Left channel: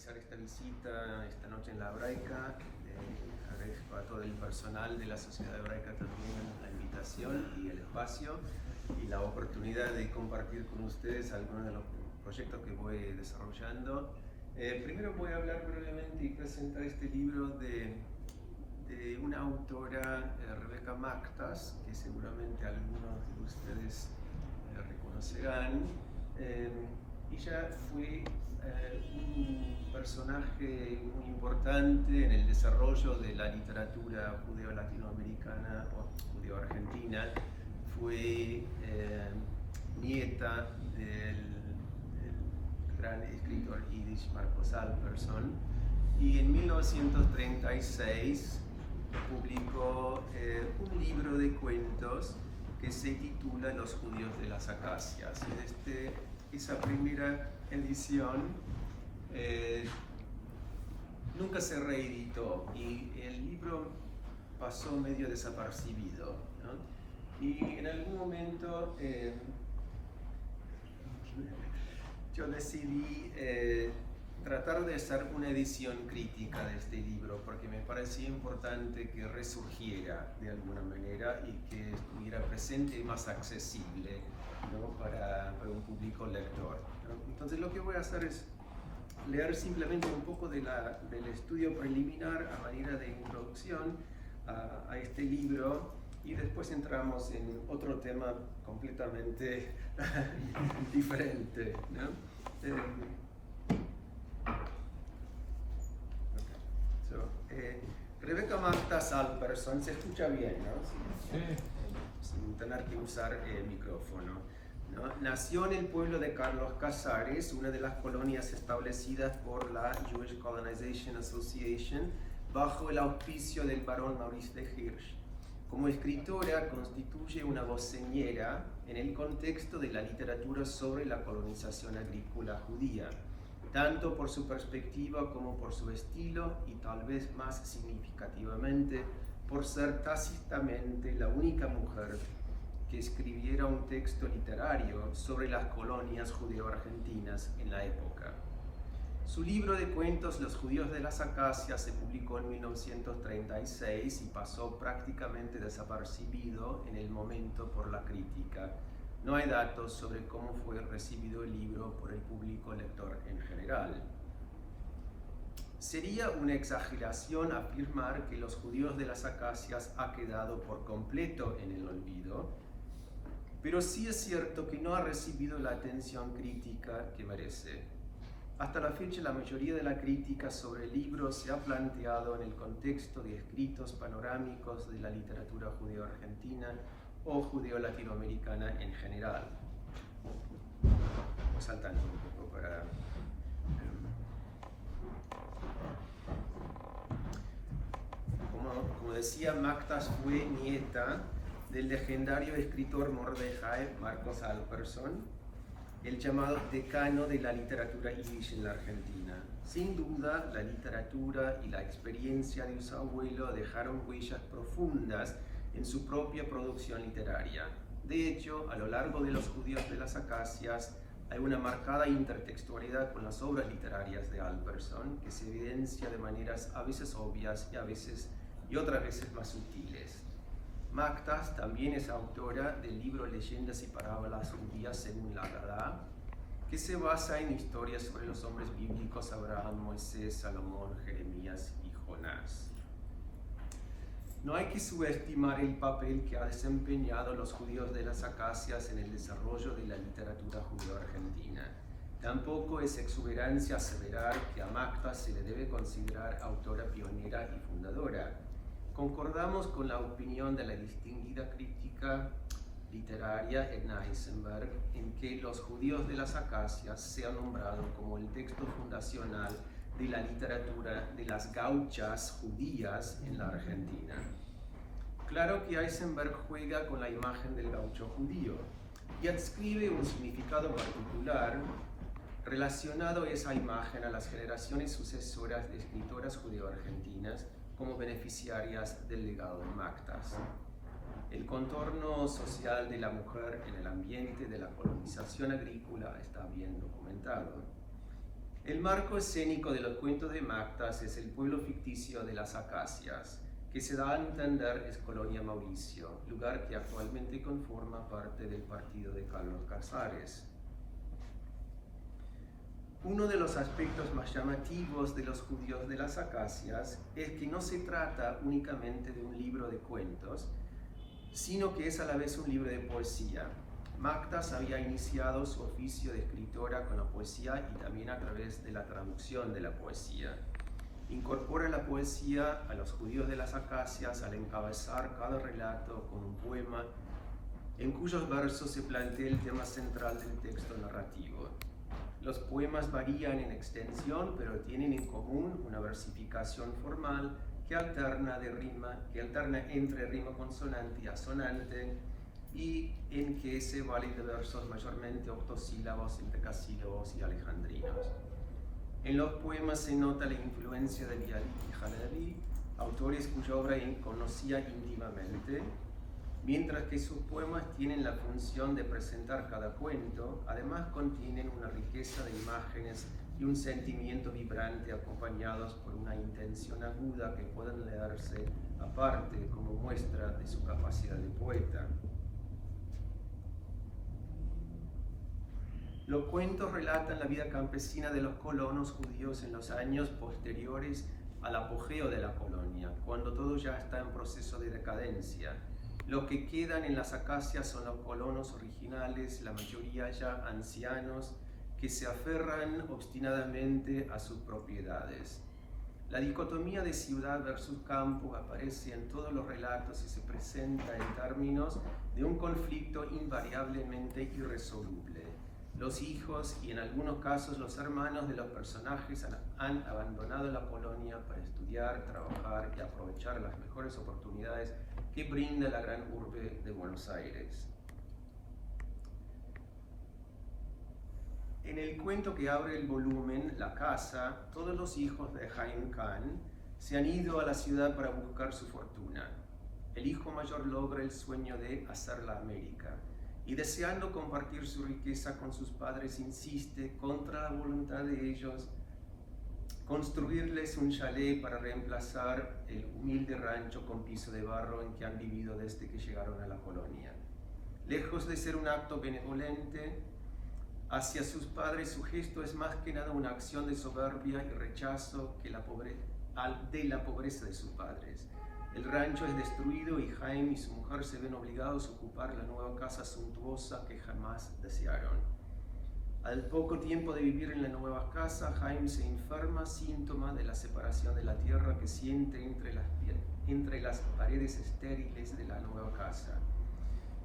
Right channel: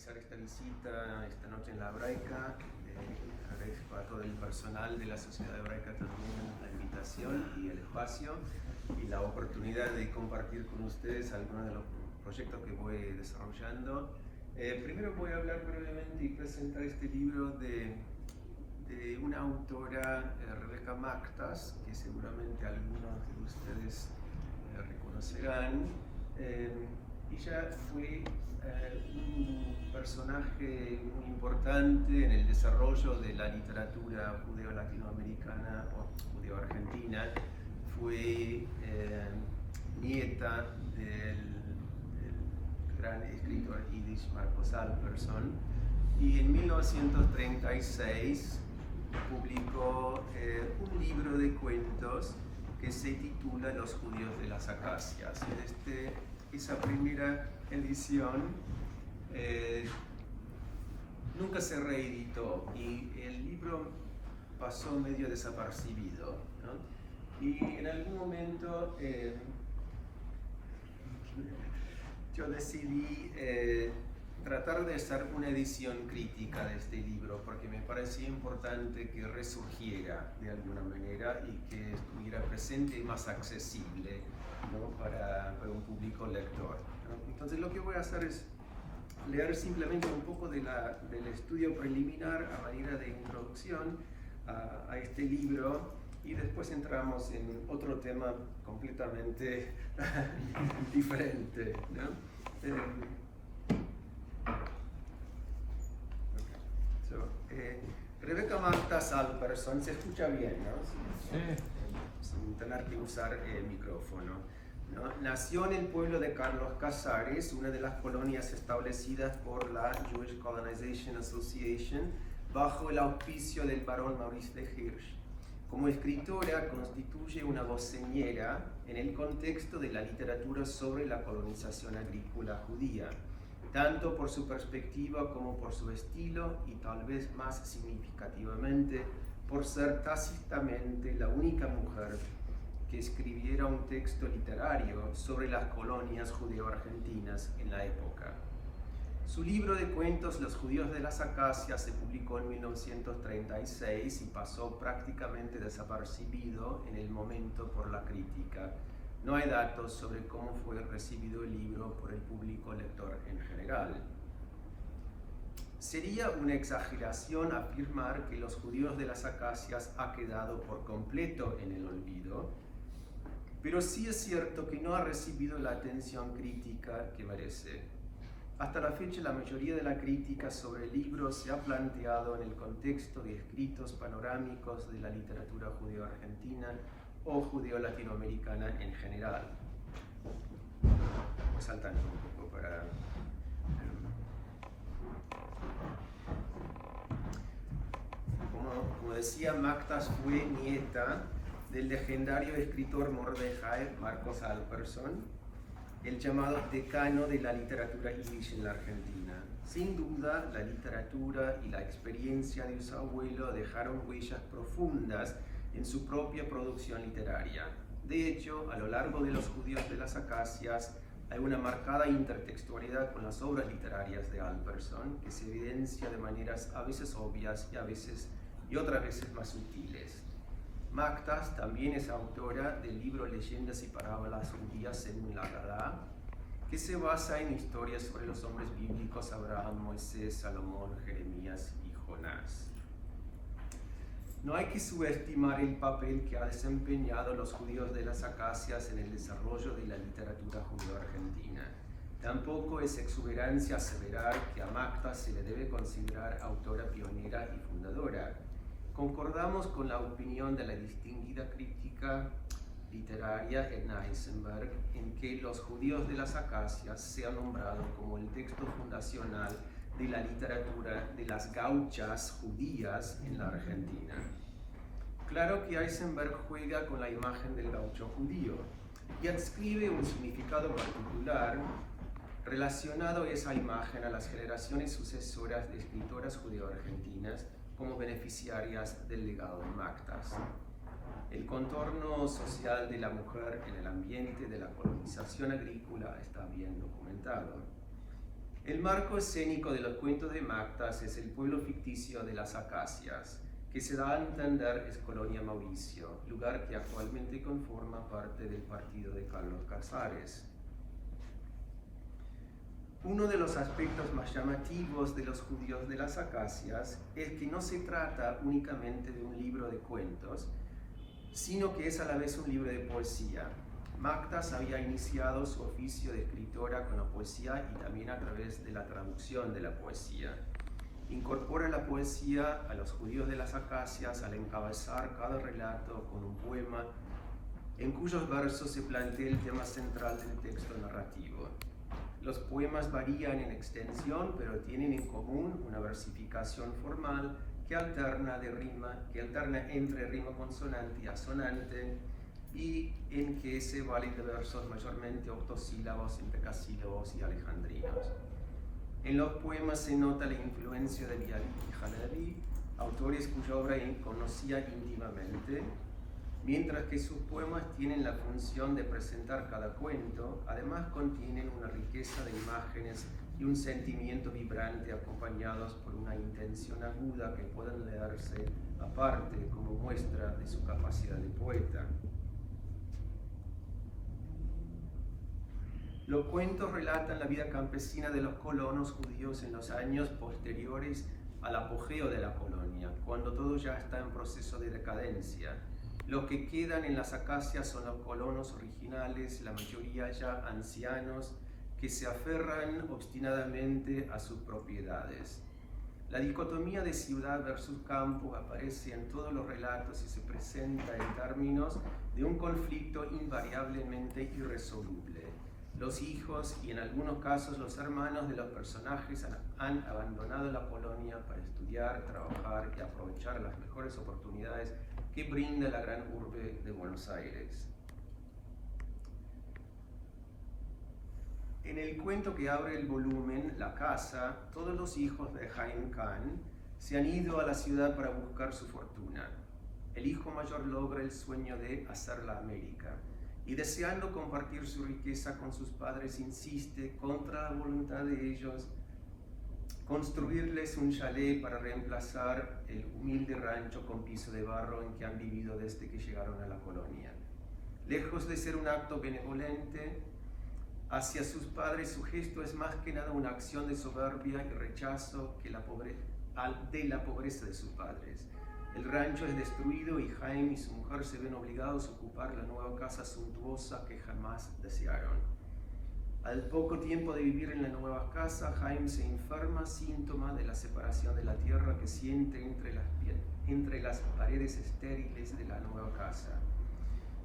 realizar esta visita esta noche en la Hebraica. Agradezco a todo el personal de la Sociedad Hebraica también la invitación y el espacio y la oportunidad de compartir con ustedes algunos de los proyectos que voy desarrollando. Primero voy a hablar brevemente y presentar este libro de una autora, Rebecca Maktas, que seguramente algunos de ustedes reconocerán. Ella fue un personaje muy importante en el desarrollo de la literatura judeo-latinoamericana o judeo-argentina. Fue nieta del gran escritor yiddish Marcos Alpersson, y en 1936 publicó un libro de cuentos que se titula Los judíos de las acacias. Esa primera edición nunca se reeditó y el libro pasó medio desapercibido, ¿no? Y en algún momento yo decidí tratar de hacer una edición crítica de este libro, porque me parecía importante que resurgiera de alguna manera y que estuviera presente y más accesible, ¿no? para un público lector, ¿no? Entonces lo que voy a hacer es leer simplemente un poco del estudio preliminar a manera de introducción a este libro, y después entramos en otro tema completamente diferente, ¿no? Rebecca Maktas Alpersson, se escucha bien, ¿no? Sin tener que usar el micrófono, ¿no? Nació en el pueblo de Carlos Casares, una de las colonias establecidas por la Jewish Colonization Association bajo el auspicio del barón Maurice de Hirsch. Como escritora constituye una voz señera en el contexto de la literatura sobre la colonización agrícola judía, tanto por su perspectiva como por su estilo, y tal vez más significativamente por ser tácitamente la única mujer que escribiera un texto literario sobre las colonias judeo-argentinas en la época. Su libro de cuentos Los judíos de las acacias se publicó en 1936 y pasó prácticamente desapercibido en el momento por la crítica. No hay datos sobre cómo fue recibido el libro por el público lector en general. Sería una exageración afirmar que Los judíos de las acacias ha quedado por completo en el olvido, pero sí es cierto que no ha recibido la atención crítica que merece. Hasta la fecha, la mayoría de la crítica sobre el libro se ha planteado en el contexto de escritos panorámicos de la literatura judeo-argentina o judeo-latinoamericana en general. Voy saltando un poco para... Como decía, Maktas fue nieta del legendario escritor Mordejai Marcos Alpersson, el llamado decano de la literatura yiddish en la Argentina. Sin duda, la literatura y la experiencia de su abuelo dejaron huellas profundas en su propia producción literaria. De hecho, a lo largo de Los judíos de las acacias hay una marcada intertextualidad con las obras literarias de Alpersson, que se evidencia de maneras a veces obvias y otras veces más sutiles. Maktas también es autora del libro Leyendas y parábolas judías según la Haggadah, que se basa en historias sobre los hombres bíblicos Abraham, Moisés, Salomón, Jeremías y Jonás. No hay que subestimar el papel que ha desempeñado Los judíos de las acacias en el desarrollo de la literatura judeo-argentina. Tampoco es exuberancia aseverar que a Maktas se le debe considerar autora pionera y fundadora. Concordamos con la opinión de la distinguida crítica literaria Edna Eisenberg en que Los judíos de las acacias se ha nombrado como el texto fundacional de la literatura de las gauchas judías en la Argentina. Claro que Eisenberg juega con la imagen del gaucho judío y adscribe un significado particular relacionado a esa imagen a las generaciones sucesoras de escritoras judeo-argentinas como beneficiarias del legado de Maktas. El contorno social de la mujer en el ambiente de la colonización agrícola está bien documentado. El marco escénico de los cuentos de Mactas es el pueblo ficticio de las Acacias, que se da a entender es Colonia Mauricio, lugar que actualmente conforma parte del partido de Carlos Casares. Uno de los aspectos más llamativos de los judíos de las Acacias es que no se trata únicamente de un libro de cuentos, sino que es a la vez un libro de poesía. Mactas había iniciado su oficio de escritora con la poesía y también a través de la traducción de la poesía. Incorpora la poesía a los judíos de las Acacias al encabezar cada relato con un poema en cuyos versos se plantea el tema central del texto narrativo. Los poemas varían en extensión, pero tienen en común una versificación formal que alterna entre rima consonante y asonante, y en que se valen de versos mayormente octosílabos, endecasílabos y alejandrinos. En los poemas se nota la influencia de Bialik y Halevi, autores cuya obra conocía íntimamente, mientras que sus poemas tienen la función de presentar cada cuento. Además contienen una riqueza de imágenes y un sentimiento vibrante acompañados por una intención aguda que pueden leerse aparte como muestra de su capacidad de poeta. Los cuentos relatan la vida campesina de los colonos judíos en los años posteriores al apogeo de la colonia, cuando todo ya está en proceso de decadencia. Los que quedan en las Acacias son los colonos originales, la mayoría ya ancianos, que se aferran obstinadamente a sus propiedades. La dicotomía de ciudad versus campo aparece en todos los relatos y se presenta en términos de un conflicto invariablemente irresoluble. Los hijos y en algunos casos los hermanos de los personajes han abandonado la colonia para estudiar, trabajar y aprovechar las mejores oportunidades que brinda la gran urbe de Buenos Aires. En el cuento que abre el volumen, La Casa, todos los hijos de Haim Khan se han ido a la ciudad para buscar su fortuna. El hijo mayor logra el sueño de hacer la América y, deseando compartir su riqueza con sus padres, insiste, contra la voluntad de ellos, construirles un chalet para reemplazar el humilde rancho con piso de barro en que han vivido desde que llegaron a la colonia. Lejos de ser un acto benevolente hacia sus padres, su gesto es más que nada una acción de soberbia y rechazo de la pobreza de sus padres. El rancho es destruido y Haim y su mujer se ven obligados a ocupar la nueva casa suntuosa que jamás desearon. Al poco tiempo de vivir en la nueva casa, Haim se enferma, síntoma de la separación de la tierra que siente entre las paredes estériles de la nueva casa.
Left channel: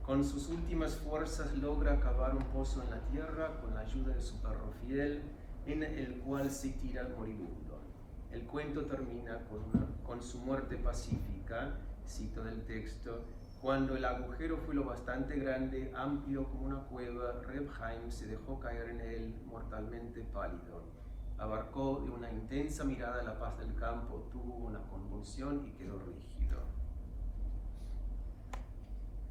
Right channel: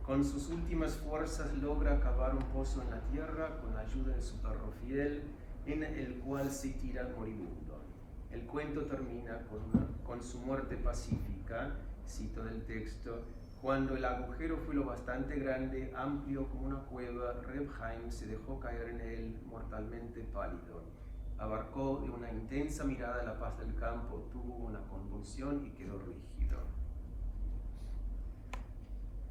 Con sus últimas fuerzas logra cavar un pozo en la tierra con la ayuda de su perro fiel, en el cual se tira moribundo. El cuento termina con su muerte pacífica, cito del texto: cuando el agujero fue lo bastante grande, amplio como una cueva, Reb Haim se dejó caer en él mortalmente pálido. Abarcó de una intensa mirada la paz del campo, tuvo una convulsión y quedó rígido.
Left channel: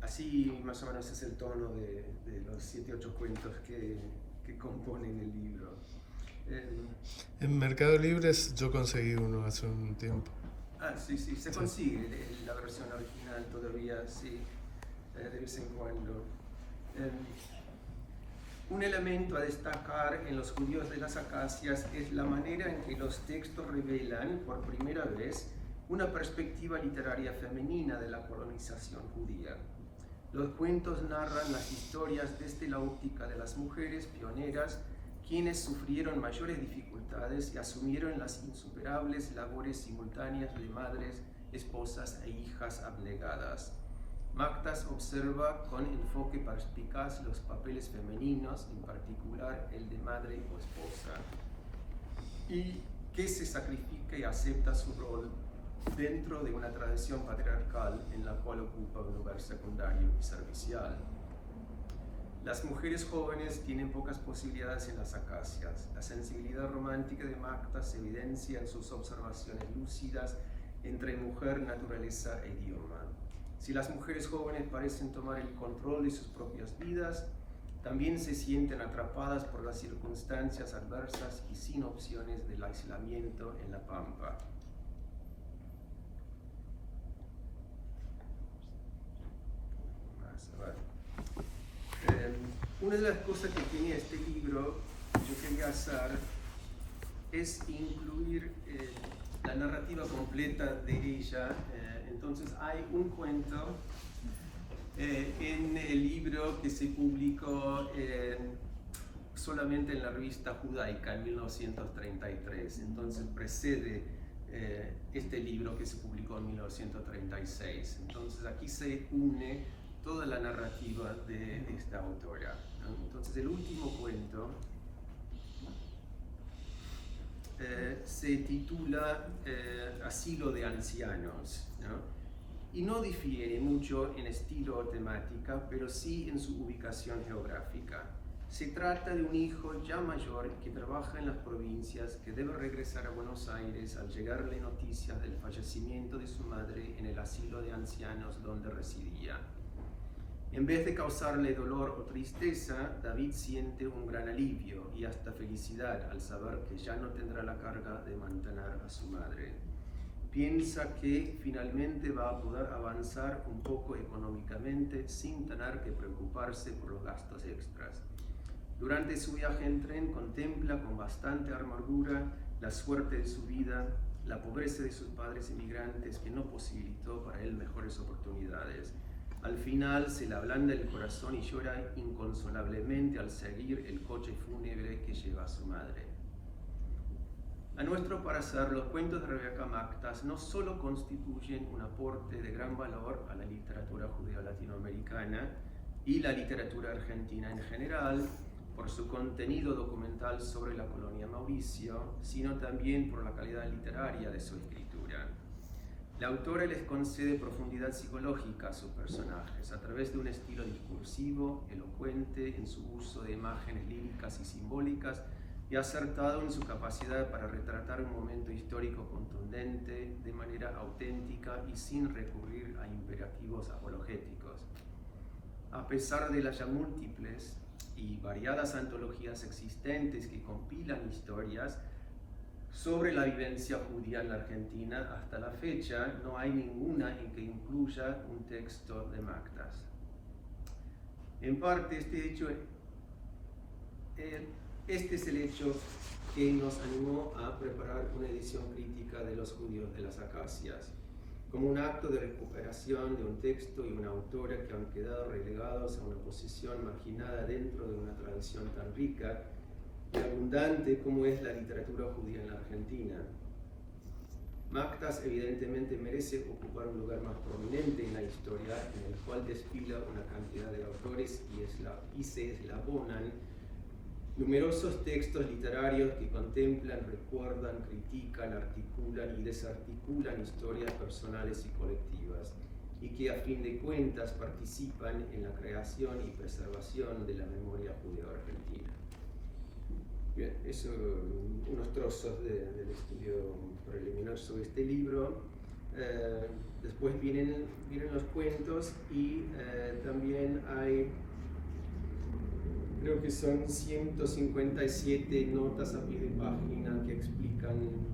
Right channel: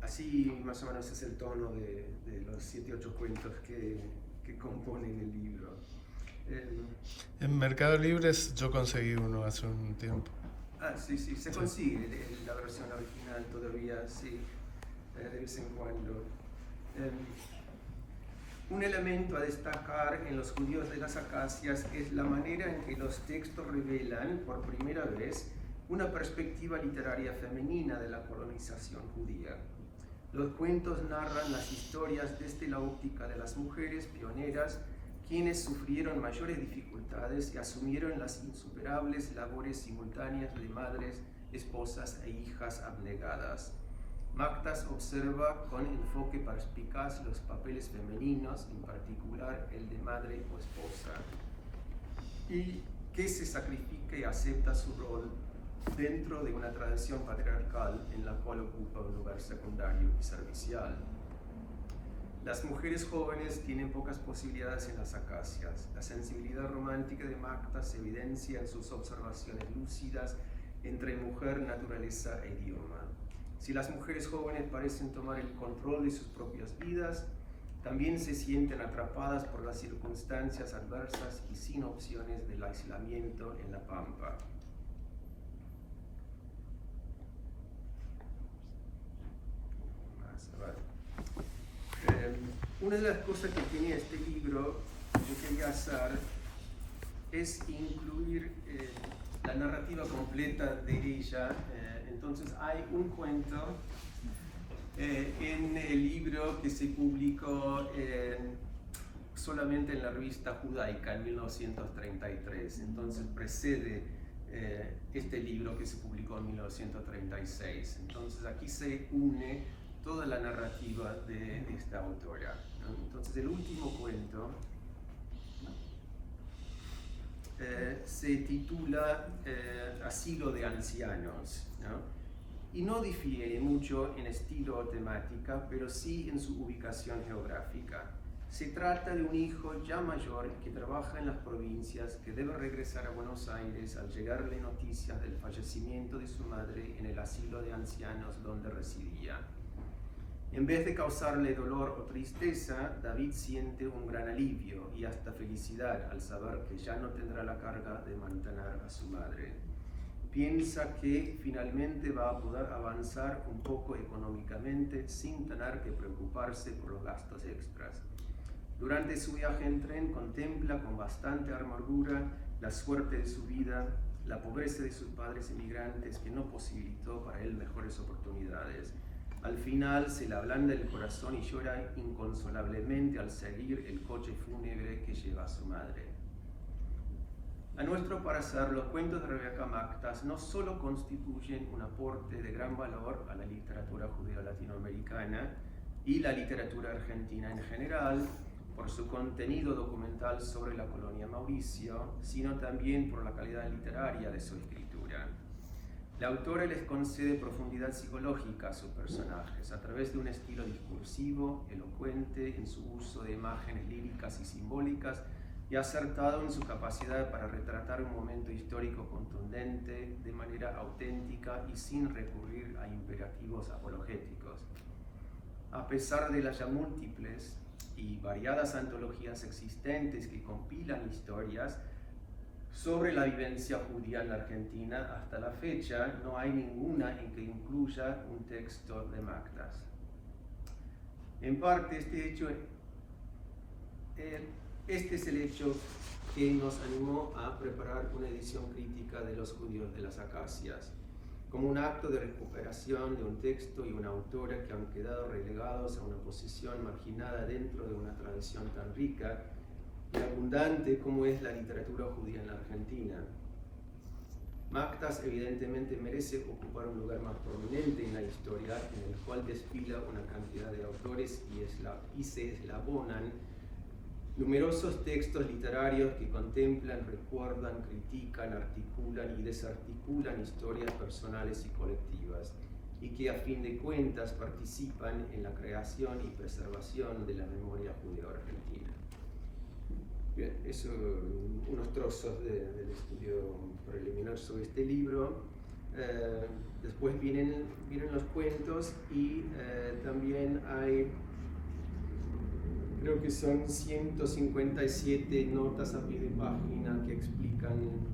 Así más o menos es el tono de los 7 u 8 cuentos que componen el libro. En Mercado Libre yo conseguí uno hace un tiempo. Sí, se consigue la versión original todavía, sí, de vez en cuando. Un elemento a destacar en los judíos de las Acacias es la manera en que los textos revelan por primera vez una perspectiva literaria femenina de la colonización judía. Los cuentos narran las historias desde la óptica de las mujeres pioneras, quienes sufrieron mayores dificultades y asumieron las insuperables labores simultáneas de madres, esposas e hijas abnegadas. Mactas observa con enfoque perspicaz los papeles femeninos, en particular el de madre o esposa, y que se sacrifica y acepta su rol dentro de una tradición patriarcal en la cual ocupa un lugar secundario y servicial. Las mujeres jóvenes tienen pocas posibilidades en las Acacias. La sensibilidad romántica de Mactas se evidencia en sus observaciones lúcidas entre mujer, naturaleza e idioma. Si las mujeres jóvenes parecen tomar el control de sus propias vidas, también se sienten atrapadas por las circunstancias adversas y sin opciones del aislamiento en la pampa. Una de las cosas que tiene este libro, yo quería hacer, es incluir la narrativa completa de ella. Entonces hay un cuento en el libro que se publicó solamente en la revista Judaica en 1933. Entonces precede este libro que se publicó en 1936. Entonces aquí se une toda la narrativa de esta autora, ¿no? Entonces el último cuento se titula Asilo de Ancianos, ¿no? Y no difiere mucho en estilo o temática, pero sí en su ubicación geográfica. Se trata de un hijo ya mayor que trabaja en las provincias, que debe regresar a Buenos Aires al llegarle noticias del fallecimiento de su madre en el asilo de ancianos donde residía. En vez de causarle dolor o tristeza, David siente un gran alivio y hasta felicidad al saber que ya no tendrá la carga de mantener a su madre. Piensa que finalmente va a poder avanzar un poco económicamente sin tener que preocuparse por los gastos extras. Durante su viaje en tren contempla con bastante amargura la suerte de su vida, la pobreza de sus padres emigrantes que no posibilitó para él mejores oportunidades. Al final se le ablanda el corazón y llora inconsolablemente al seguir el coche fúnebre que lleva a su madre. A nuestro parecer, los cuentos de Rebeca Maktas no solo constituyen un aporte de gran valor a la literatura judeo-latinoamericana y la literatura argentina en general, por su contenido documental sobre la colonia Mauricio, sino también por la calidad literaria de su escritura. La autora les concede profundidad psicológica a sus personajes a través de un estilo discursivo, elocuente en su uso de imágenes líricas y simbólicas y acertado en su capacidad para retratar un momento histórico contundente de manera auténtica y sin recurrir a imperativos apologéticos. A pesar de las ya múltiples y variadas antologías existentes que compilan historias sobre la vivencia judía en la Argentina, hasta la fecha no hay ninguna en que incluya un texto de Maktas. En parte, este es el hecho que nos animó a preparar una edición crítica de Los judíos de las acacias, como un acto de recuperación de un texto y una autora que han quedado relegados a una posición marginada dentro de una tradición tan rica y abundante como es la literatura judía en la Argentina. Maktas evidentemente merece ocupar un lugar más prominente en la historia, en el cual desfila una cantidad de autores y se eslabonan numerosos textos literarios que contemplan, recuerdan, critican, articulan y desarticulan historias personales y colectivas, y que a fin de cuentas participan en la creación y preservación de la memoria judeo-argentina. Bien, eso, unos trozos del estudio preliminar sobre este libro. Después vienen los cuentos y también hay, creo que son 157 notas a pie de página que explican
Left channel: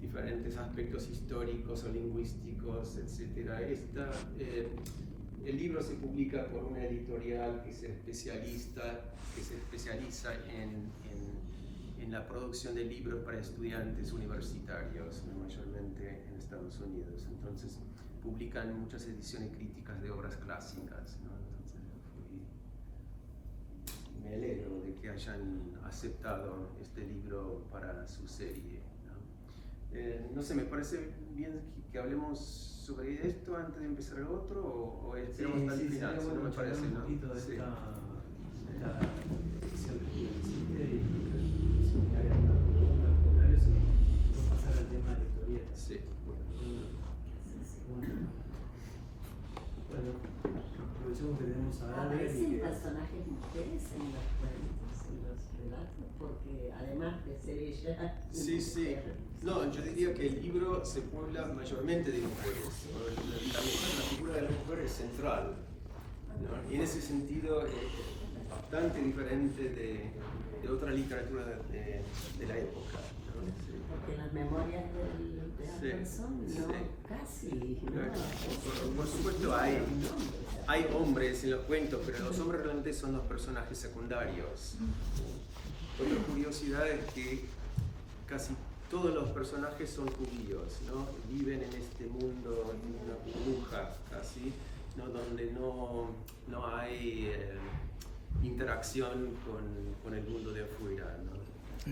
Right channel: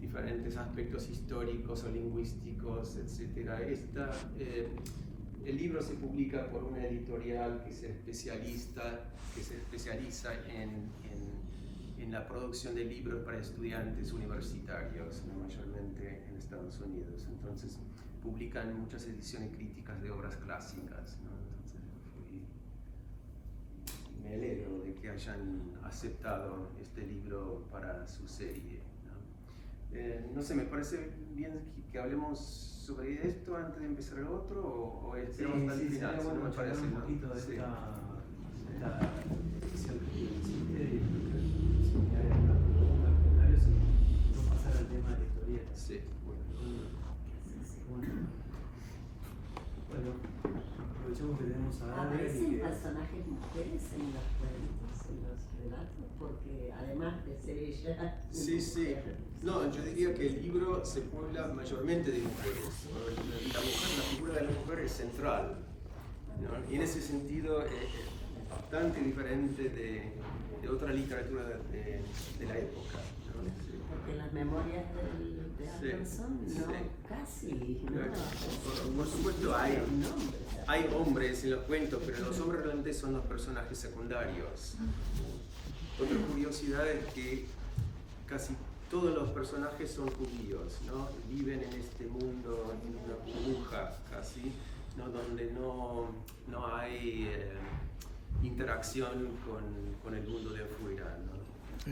diferentes aspectos históricos o lingüísticos, etc. El libro se publica por una editorial que se especializa en la producción de libros para estudiantes universitarios, mayormente en Estados Unidos. Entonces, publican muchas ediciones críticas de obras clásicas, ¿no? Entonces, me alegro de que hayan aceptado este libro para su serie, ¿no? No sé, me parece bien que hablemos sobre esto antes de empezar el otro, o esperamos hasta el final. Bueno, me parece, un ¿no? poquito de Sí. esta especial que hiciste y si me hagan unas preguntas, comentarios y no pasar al tema de la historieta. Sí, Bueno, aprovechemos que tenemos a Adri. ¿Aparecen personajes mujeres en los cuentos, en los relatos? Porque además de ser ella... Sí, sí. No, yo diría que el libro se puebla mayormente de mujeres. La figura de la mujer es central, ¿no? Y en ese sentido, bastante diferente de otra literatura de la época, ¿no? Sí. Porque las memorias de Alberson, Sí, no, sí. casi. Claro. No, Por supuesto nombres. hay hombres en los cuentos, pero los hombres realmente son los personajes secundarios. Otra curiosidad es que casi todos los personajes son judíos, ¿no? Viven en este mundo, en una burbuja casi, ¿no? Donde no hay interacción con el mundo de afuera, ¿no?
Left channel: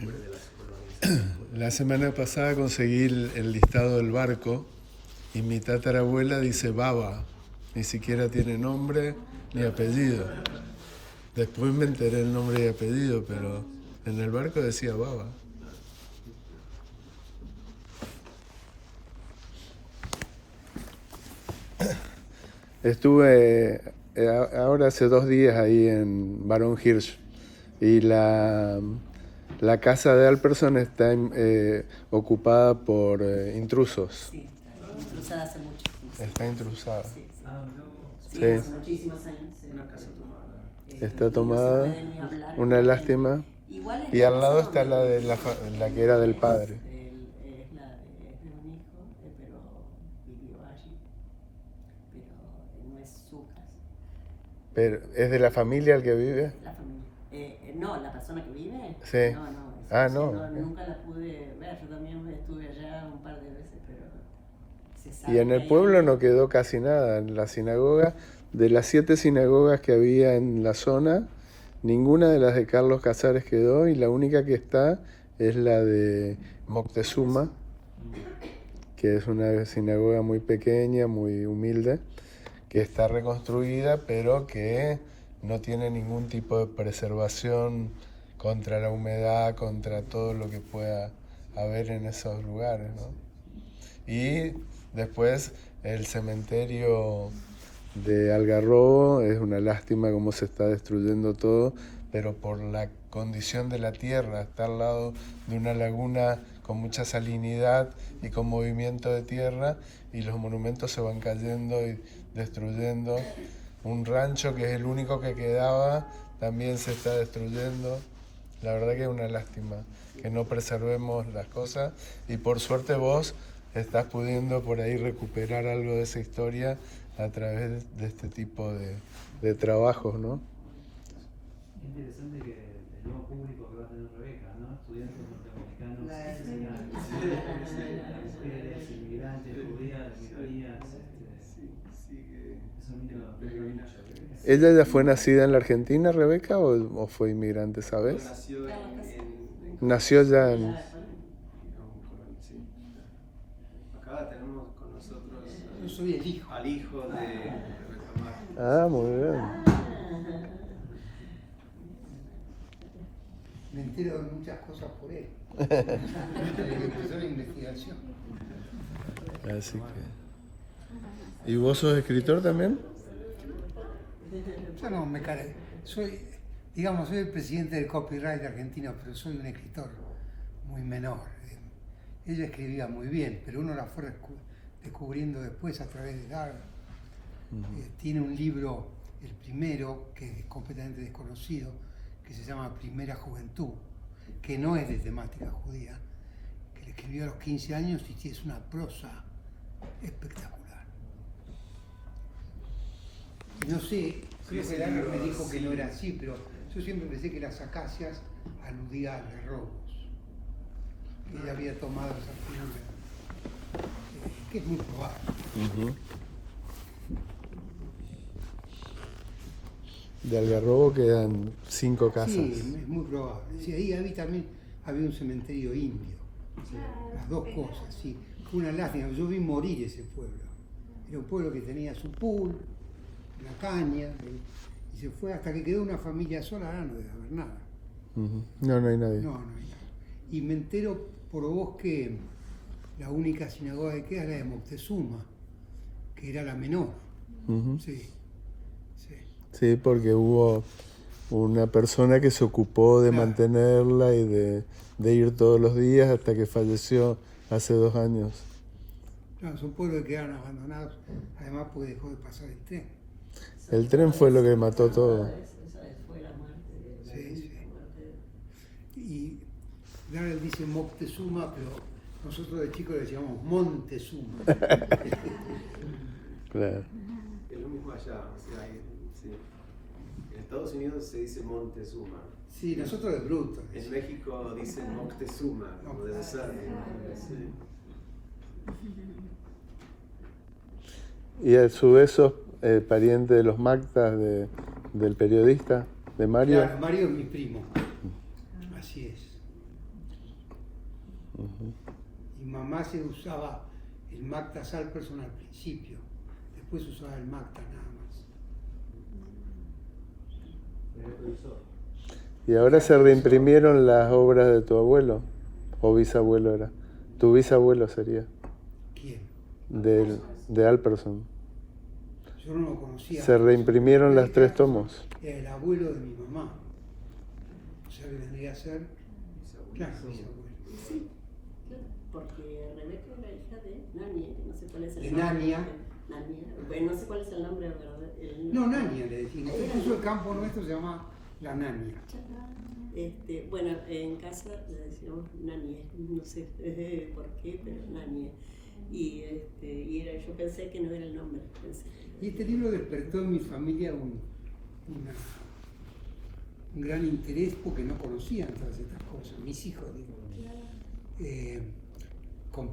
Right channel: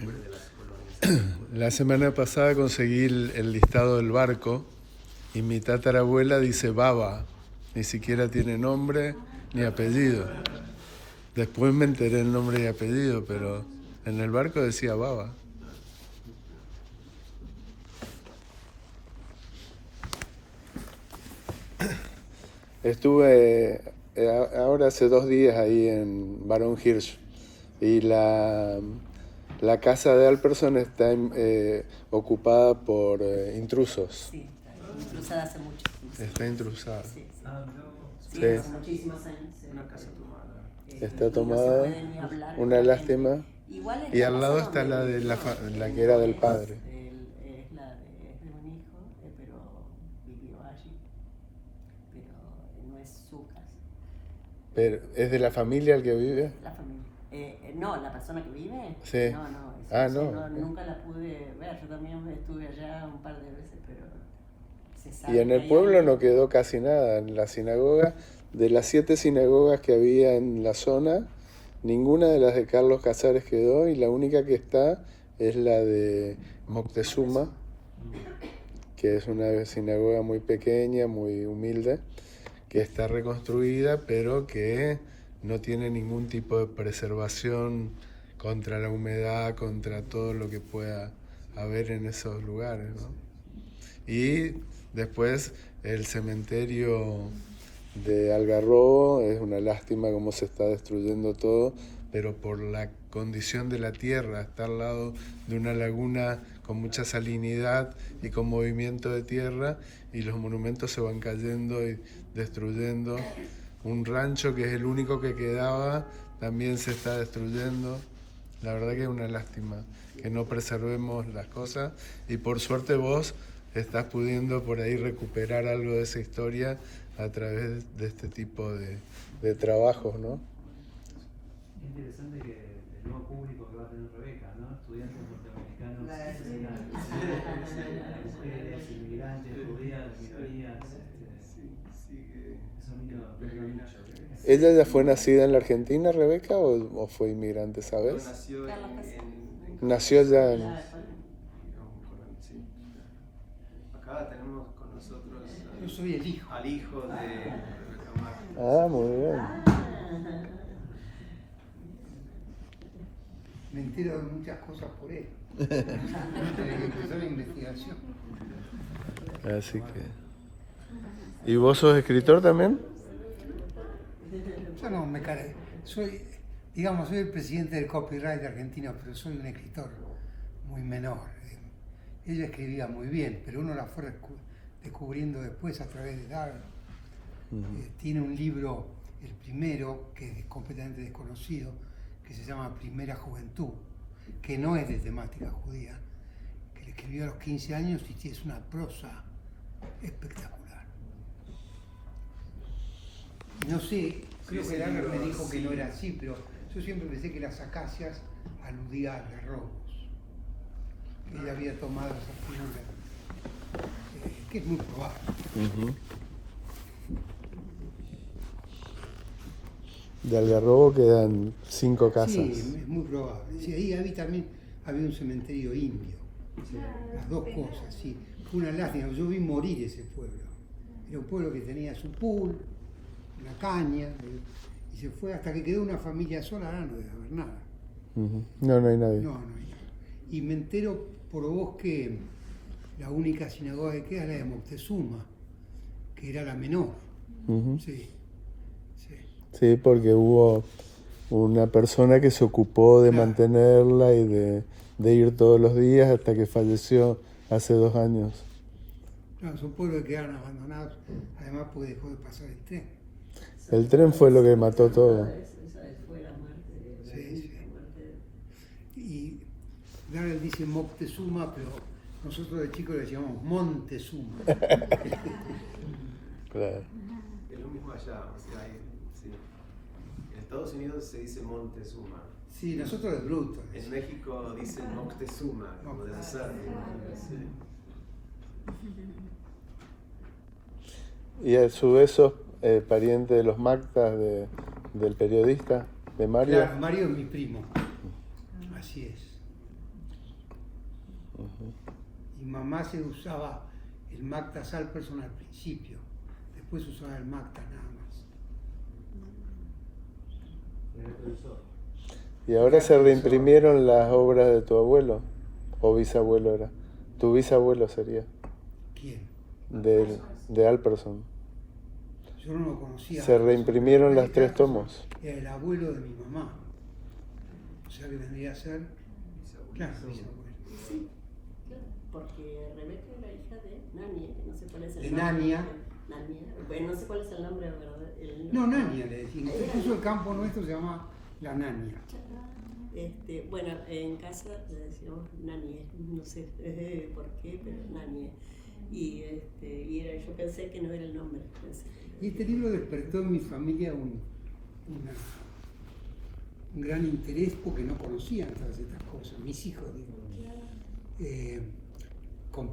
Fuera de las colonias. La semana pasada conseguí el listado del barco y mi tatarabuela dice Baba, ni siquiera tiene nombre ni apellido. Después me enteré el nombre y apellido, pero en el barco decía Baba. Estuve ahora hace 2 días ahí en Barón Hirsch y la casa de Alperson está ocupada por intrusos. Sí, cruzada hace mucho. Está intrusada. Sí, sí. No, Sí, hace muchísimos años. Sí. Una casa tomada. Está Y tomada, no se puede ni hablar una con la lástima. gente. Igual Y al lado está donde la de vive, la que era del padre. Es de un hijo, pero vivió allí. Pero no es su casa. Pero, ¿es de la familia el que vive? La familia. No, la persona que vive. Sí. No, No. nunca la pude ver. Yo también estuve allá un par de veces, pero se sabe Y en que el hay pueblo alguien. no quedó casi nada. En la sinagoga, de las 7 sinagogas que había en la zona, ninguna de las de Carlos Casares quedó y la única que está es la de Moctezuma, que es una sinagoga muy pequeña, muy humilde, que está reconstruida, pero que no tiene ningún tipo de preservación contra la humedad, contra todo lo que pueda haber en esos lugares, ¿no? Y después el cementerio de Algarrobo, es una lástima cómo se está destruyendo todo, pero por la condición de la tierra, está al lado de una laguna con mucha salinidad y con movimiento de tierra, y los monumentos se van cayendo y destruyendo. Un rancho que es el único que quedaba también se está destruyendo. La verdad que es una lástima que no preservemos las cosas, y por suerte vos estás pudiendo por ahí recuperar algo de esa historia a través de este tipo de trabajos, ¿no? Es interesante que el nuevo público que va a tener Rebeca, ¿no? Estudiantes norteamericanos, mujeres, inmigrantes, judías, minorías. Es un hilo. ¿Ella ya fue nacida en la Argentina, Rebeca, o fue inmigrante, sabes? Nació Nació ya en... sí. Acá tenemos con nosotros Yo soy el hijo. al hijo de Rebeca Marcos. Ah, muy bien. Me entero de muchas cosas por él. Desde que empezó la investigación. Así que... ¿Y vos sos escritor también? Yo no me cargué. Soy el presidente del copyright argentino, pero soy un escritor muy menor. Ella escribía muy bien, pero uno la fue descubriendo después a través de Darwin. Tiene un libro, el primero, que es completamente desconocido, que se llama Primera Juventud, que no es de temática judía, que le escribió a los 15 años y es una prosa espectacular. No sé, creo que Dana me dijo que no era así, pero yo siempre pensé que las acacias aludían a algarrobos. Ella había tomado esa figura, que es muy probable. De Algarrobo quedan 5 casas. Sí, es muy probable. Sí, ahí también había un cementerio indio. Las dos cosas, sí. Fue una lástima. Yo vi morir ese pueblo. Era un pueblo que tenía su pool, la caña, y se fue hasta que quedó una familia sola. Ahora no debe haber nada. No hay nadie. No hay nada. Y me entero por vos que la única sinagoga que queda es la de Moctezuma, que era la menor. Sí. Sí, porque hubo una persona que se ocupó de Claro. mantenerla y de ir todos los días hasta que falleció hace 2 años. No, son pueblos que quedaron abandonados, además porque dejó de pasar el tren. El tren fue lo que mató todo. Esa fue la muerte Sí, sí. Y Darrell dice Moctezuma, pero nosotros de chicos le llamamos Montezuma. Claro. Es lo mismo allá, o sea, sí. En Estados Unidos se dice Montezuma. Sí, nosotros es bruto. En México dicen Moctezuma, como debe ser. Sí. Y a su vez sos pariente de los Mactas del periodista, de Mario. Claro, Mario es mi primo. Así es. Y mamá se usaba el Macta Salperson al principio. Después usaba el Macta nada más. Me cruzó. Y ahora se reimprimieron las obras de tu abuelo, o bisabuelo era. Tu bisabuelo sería, ¿Quién? de Alperson. Yo no lo conocía. Se reimprimieron las 3 tomos. Era el abuelo de mi mamá. O sea que tendría que ser. Claro, bisabuelo. Sí, claro, porque Rebeca era hija de Nania, no sé cuál es el De nombre. Nania. Nania. Bueno, no sé cuál es el nombre, ¿verdad? No, Nania le decimos. Incluso el campo nuestro se llama La Nania. Bueno, en casa le decíamos Nania, no sé por qué, pero Nania. Yo pensé que no era el nombre. Y este libro despertó en mi familia un gran interés porque no conocían todas estas cosas. Mis hijos, digo,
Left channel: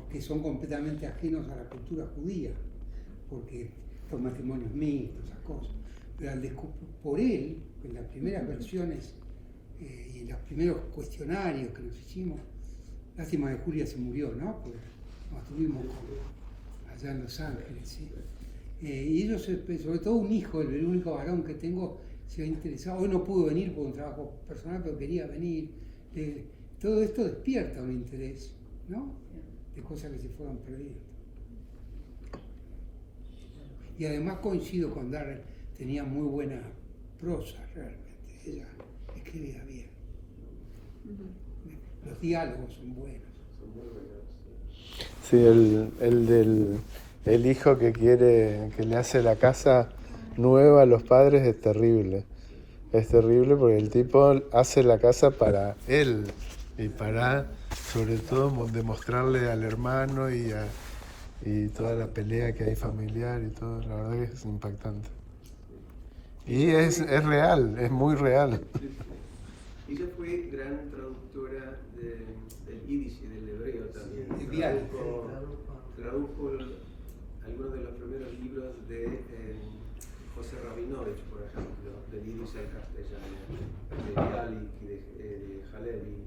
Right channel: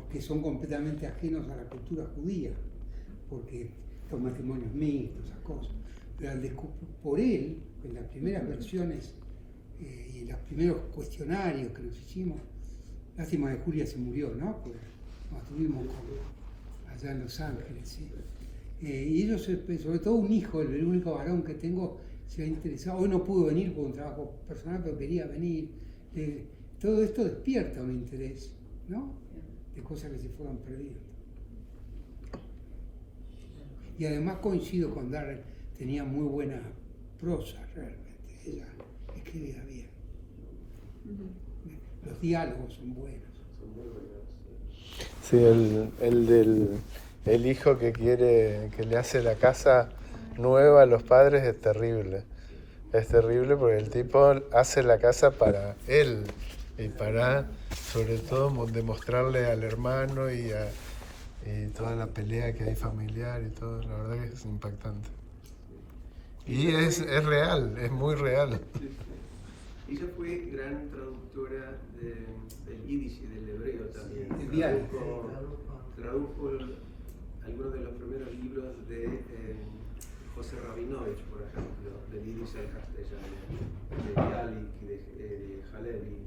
que son completamente ajenos a la cultura judía, porque los matrimonios mixtos, esas cosas. Pero por él, en las primeras versiones y en los primeros cuestionarios que nos hicimos, lástima de Julia se murió, ¿no? Pues nos tuvimos allá en Los Ángeles, ¿sí? Y ellos, sobre todo un hijo, el único varón que tengo, se ha interesado. Hoy no pudo venir por un trabajo personal, pero quería venir. Todo esto despierta un interés, ¿no? De cosas que se fueron perdiendo. Y además coincido con Darrell, tenía muy buena prosa realmente. Ella escribía bien. Los diálogos son buenos. Sí, el hijo que le hace la casa nueva a los padres es terrible. Es terrible porque el tipo hace la casa para él y para, sobre todo, demostrarle al hermano y toda la pelea que hay familiar y todo. La verdad que es impactante. Y es real, es muy real. Ella fue gran traductora del yiddish y del hebreo también. Del diario. Tradujo algunos de los primeros libros de José Rabinovich, por ejemplo, del yiddish al castellano, de Bialik y de Halevi.